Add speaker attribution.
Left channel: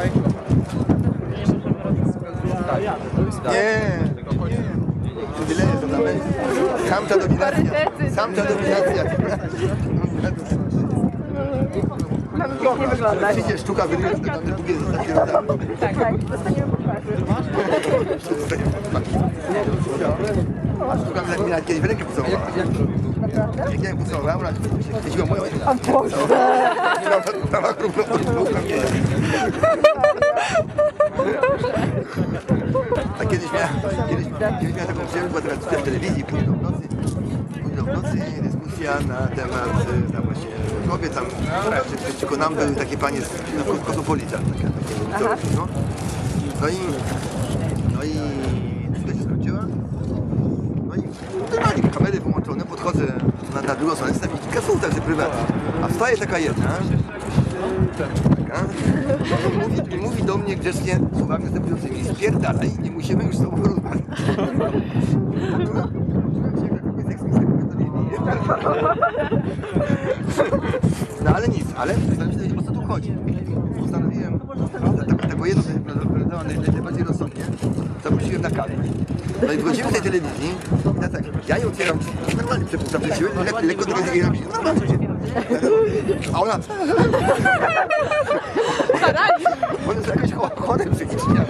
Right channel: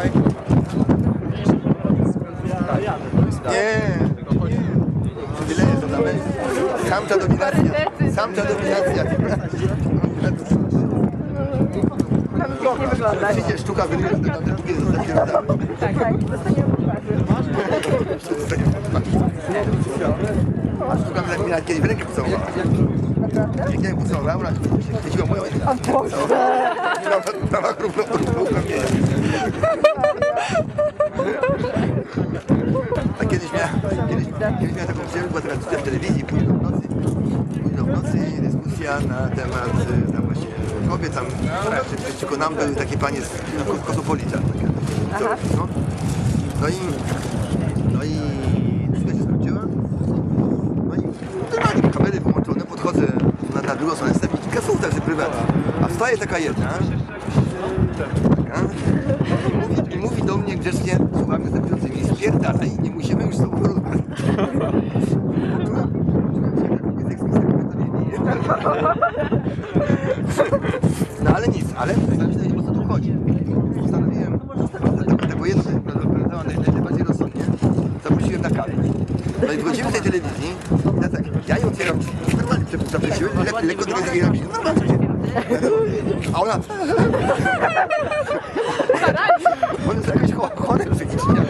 Speaker 1: Dawaj. Nie, tyle jest, tam samcza dominacja. Samcza dominacja.
Speaker 2: Nam pięknie wygląda.
Speaker 1: Przyjdzie sztuka wygrywa, to tam drugie zostanie.
Speaker 2: Tak, tak, dostaniemy po twarzy. Dostaniemy po twarzy.
Speaker 1: A sztuka mnie mnie nawet kiedyś w rękę pocałowała. Jak ja ją pocałowałem, ona chwyciła moją rękę.
Speaker 2: O Boże!
Speaker 1: Dała równo równo mnie. A kiedyś miałem, kiedyś, kiedyś miałem taką przyjemność, była teraz w telewizji, późno w nocy, późno w nocy dyskusja na temat tam właśnie kobiet, tam czy, czy, nam były takie panie z no, Kosmopolitan, takie, takie no. no i, dyskusja się skończyła. No i normalnie kamery wyłączone, podchodzę na, na drugą stronę, jestem kilka słów także prywatnie. A wstaje taka jedna, taka, i mówi, i mówi do mnie grzecznie słowami następującymi, spierdalaj, nie musimy już z tobą rozmawiać. Poczułem poczułem się jak kobieta mnie bije. No ale nic, ale zastanawiam się, o co tu chodzi. Postanowiłem, ta- taką jedną, która wyglądała naj- naj- najbardziej rozsądnie, zaprosiłem na kawę. No i wchodzimy do tej telewizji, ja tak, ja jej otwieram normalnie przepuszczam te siły, lekko, lekko tylko jej drzwi, normalnie. A ona... Ona jest jakaś cho- chore psychicznie.